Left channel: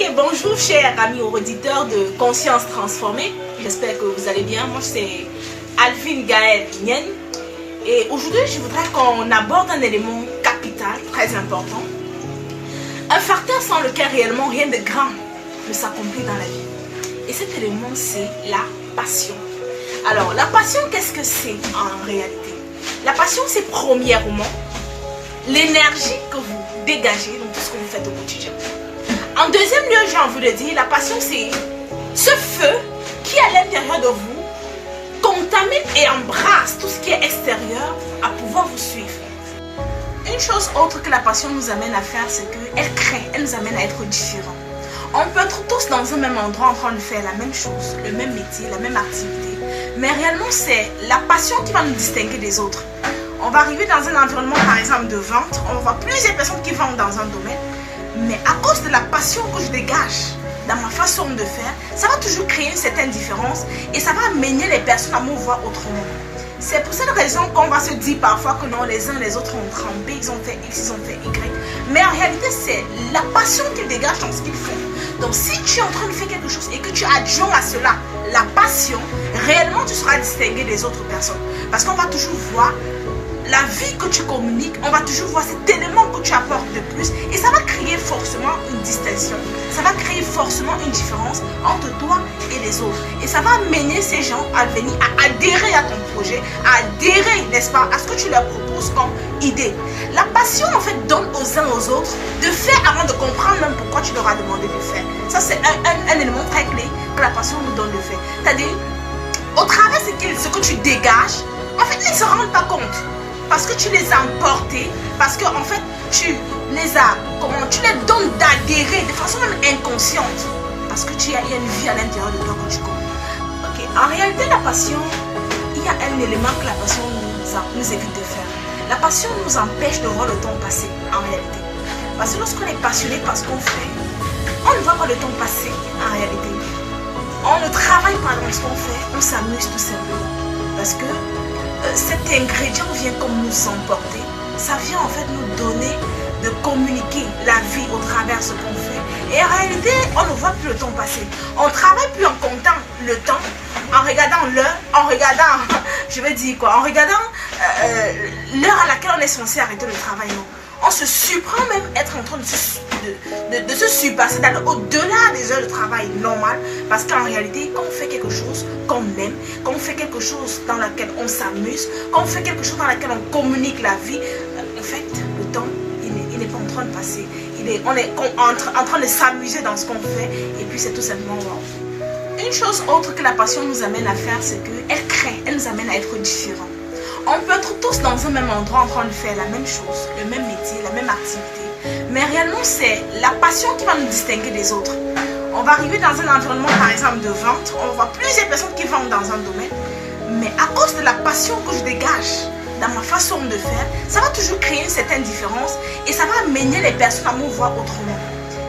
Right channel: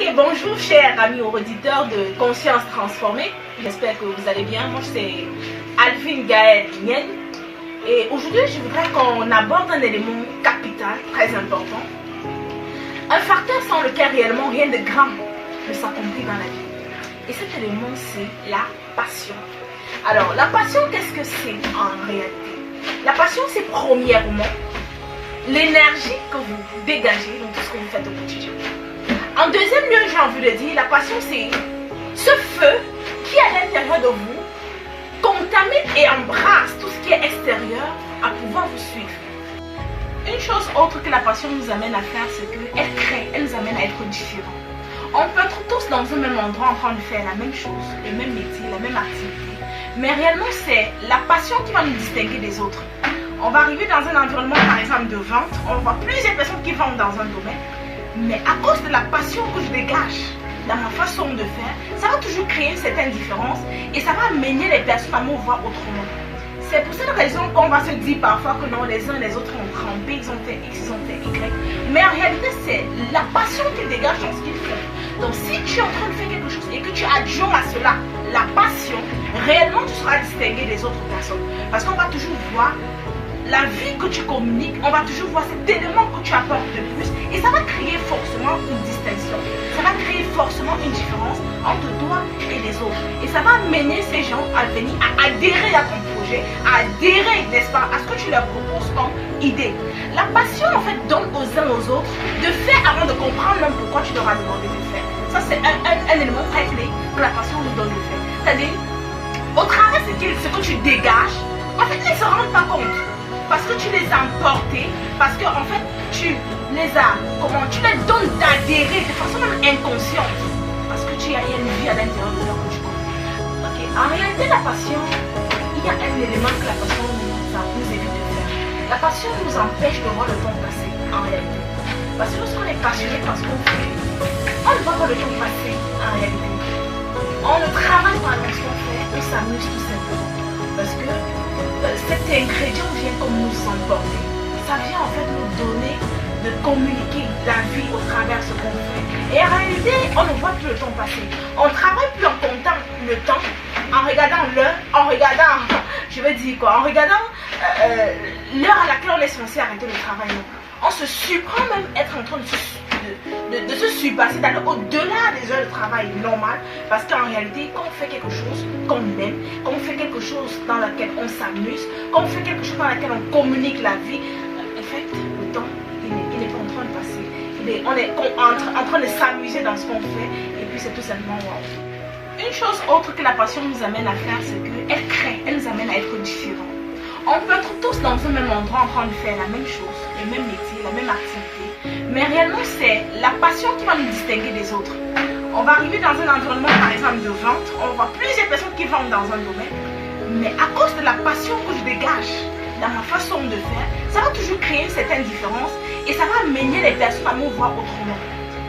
Ok, bonjour chers amis auditeurs de Conscience Transformée. J'espère que vous allez bien. Moi, c'est Alvin Gaël Nien. Et aujourd'hui, je voudrais qu'on aborde un élément capital, très important. Un facteur sans lequel réellement rien de grand ne s'accomplit dans la vie. Et cet élément, c'est la passion. Alors, la passion, qu'est-ce que c'est en réalité? La passion, c'est premièrement l'énergie que vous dégagez dans tout ce que vous faites au quotidien. En deuxième lieu, j'ai envie de dire, la passion, c'est ce feu qui, à l'intérieur de vous, contamine et embrasse tout ce qui est extérieur à pouvoir vous suivre. Une chose autre que la passion nous amène à faire, c'est qu'elle crée, elle nous amène à être différents. On peut être tous dans un même endroit en train de faire la même chose, le même métier, la même activité, mais réellement, c'est la passion qui va nous distinguer des autres. On va arriver dans un environnement, par exemple, de vente, on voit plusieurs personnes qui vendent dans un domaine, mais à cause de la passion que je dégage dans ma façon de faire, ça va toujours créer une certaine différence et ça va amener les personnes à me voir autrement. C'est pour cette raison qu'on va se dire parfois que non, les uns les autres ont trempé, ils ont fait X, ils ont fait Y. Mais en réalité, c'est la passion qu'ils dégagent dans ce qu'ils font. Donc si tu es en train de faire quelque chose et que tu adjoins à cela la passion, réellement tu seras distingué des autres personnes. Parce qu'on va toujours voir la vie que tu communiques, on va toujours voir cet élément que tu apportes de plus et ça va créer forcément une distinction, ça va créer forcément une différence entre toi et les autres et ça va amener ces gens à venir à adhérer à ton projet, à adhérer, n'est-ce pas, à ce que tu leur proposes comme idée. La passion en fait donne aux uns aux autres de faire avant de comprendre même pourquoi tu leur as demandé de faire. Ça c'est un élément très clé que la passion nous donne de faire. C'est-à-dire, au travers de ce que tu dégages, en fait ils ne se rendent pas compte. Parce que tu les as emportés, parce que en fait tu les as, tu les donnes d'adhérer de façon même inconsciente, parce que il y a une vie à l'intérieur de toi que tu connais. Ok, en réalité la passion, il y a un élément que la passion nous évite de faire. La passion nous empêche de voir le temps passer en réalité. Parce que lorsqu'on est passionné par ce qu'on fait, on ne voit pas le temps passer en réalité. On ne travaille pas dans ce qu'on fait, on s'amuse tout simplement. Parce que cet ingrédient vient comme nous emporter, ça vient en fait nous donner de communiquer la vie au travers de ce qu'on fait. Et en réalité, on ne voit plus le temps passer. On ne travaille plus en comptant le temps, en regardant l'heure, en regardant, je vais dire quoi, en regardant l'heure à laquelle on est censé arrêter le travail. Non. On se surprend même être en train de se surpasser, d'aller au-delà des heures de travail normales, parce qu'en réalité, quand on fait quelque chose qu'on aime, quand on fait quelque chose dans laquelle on s'amuse, quand on fait quelque chose dans laquelle on communique la vie, en fait, le temps, il n'est pas en train de passer. On est en train de s'amuser dans ce qu'on fait, et puis c'est tout simplement wow. Une chose autre que la passion nous amène à faire, c'est qu'elle crée, elle nous amène à être différents. On peut être tous dans un même endroit en train de faire la même chose, le même métier, la même activité. Mais réellement, c'est la passion qui va nous distinguer des autres. On va arriver dans un environnement, par exemple, de vente. On voit plusieurs personnes qui vendent dans un domaine. Mais à cause de la passion que je dégage dans ma façon de faire, ça va toujours créer une certaine différence et ça va amener les personnes à me voir autrement.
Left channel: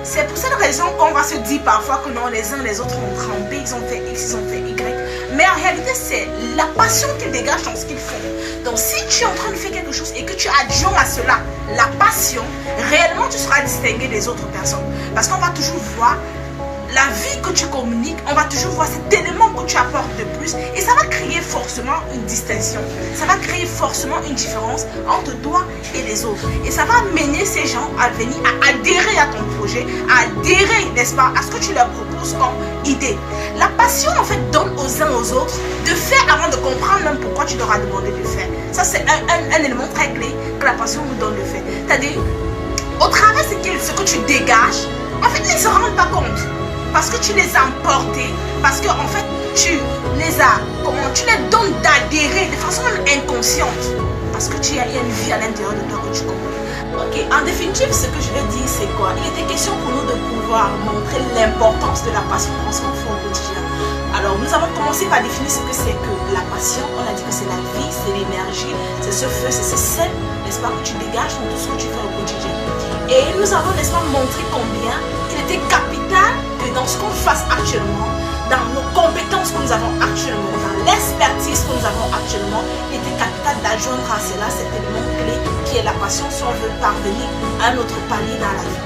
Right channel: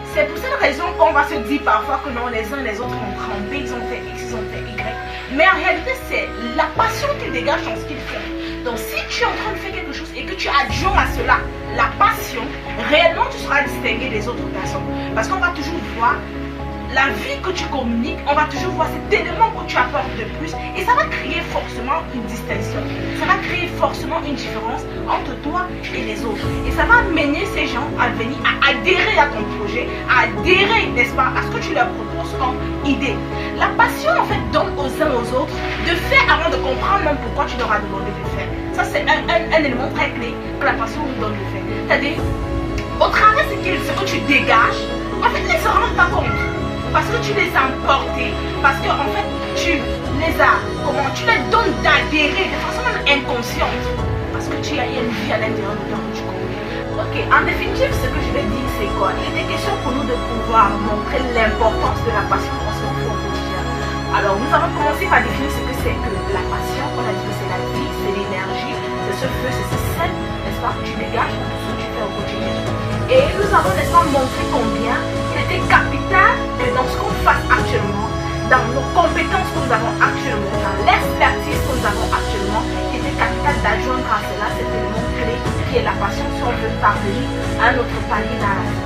C'est pour cette raison qu'on va se dire parfois que non, les uns les autres ont trempé, ils ont fait X, ils ont fait Y. Mais en réalité, c'est la passion qu'ils dégagent dans ce qu'ils font. Donc si tu es en train de faire quelque chose et que tu adjoins à cela la passion, réellement tu seras distingué des autres personnes. Parce qu'on va toujours voir la vie que tu communiques, on va toujours voir cet élément que tu apportes de plus et ça va créer forcément une distinction. Ça va créer forcément une différence entre toi et les autres. Et ça va amener ces gens à venir à adhérer à ton projet, à adhérer, n'est-ce pas, à ce que tu leur proposes comme idée. La passion en fait donne aux uns aux autres de faire avant de comprendre même pourquoi tu leur as demandé de faire. Ça c'est un élément très clé que la passion nous donne de faire. C'est-à-dire, au travers de ce que tu dégages, en fait ils ne se rendent pas compte. Parce que tu les as emportés, parce que en fait tu les donnes d'adhérer de façon même inconsciente, parce que il y a une vie à l'intérieur de toi que tu connais. Ok, en définitive, ce que je vais dire c'est quoi? Il était question pour nous de pouvoir montrer l'importance de la passion dans ce qu'on fait au quotidien. Alors nous avons commencé par définir ce que c'est que la passion. On a dit que c'est la vie, c'est l'énergie, c'est ce feu, c'est ce sel, n'est-ce pas, que tu dégages dans tout ce que tu fais au quotidien. Et nous avons, n'est-ce pas, montré combien il était capital que dans ce qu'on fasse actuellement, dans nos compétences que nous avons actuellement, dans l'expertise que nous avons actuellement, il était capital d'adjoindre à cela cet élément clé qui est la passion si on veut parvenir à notre palier dans la vie.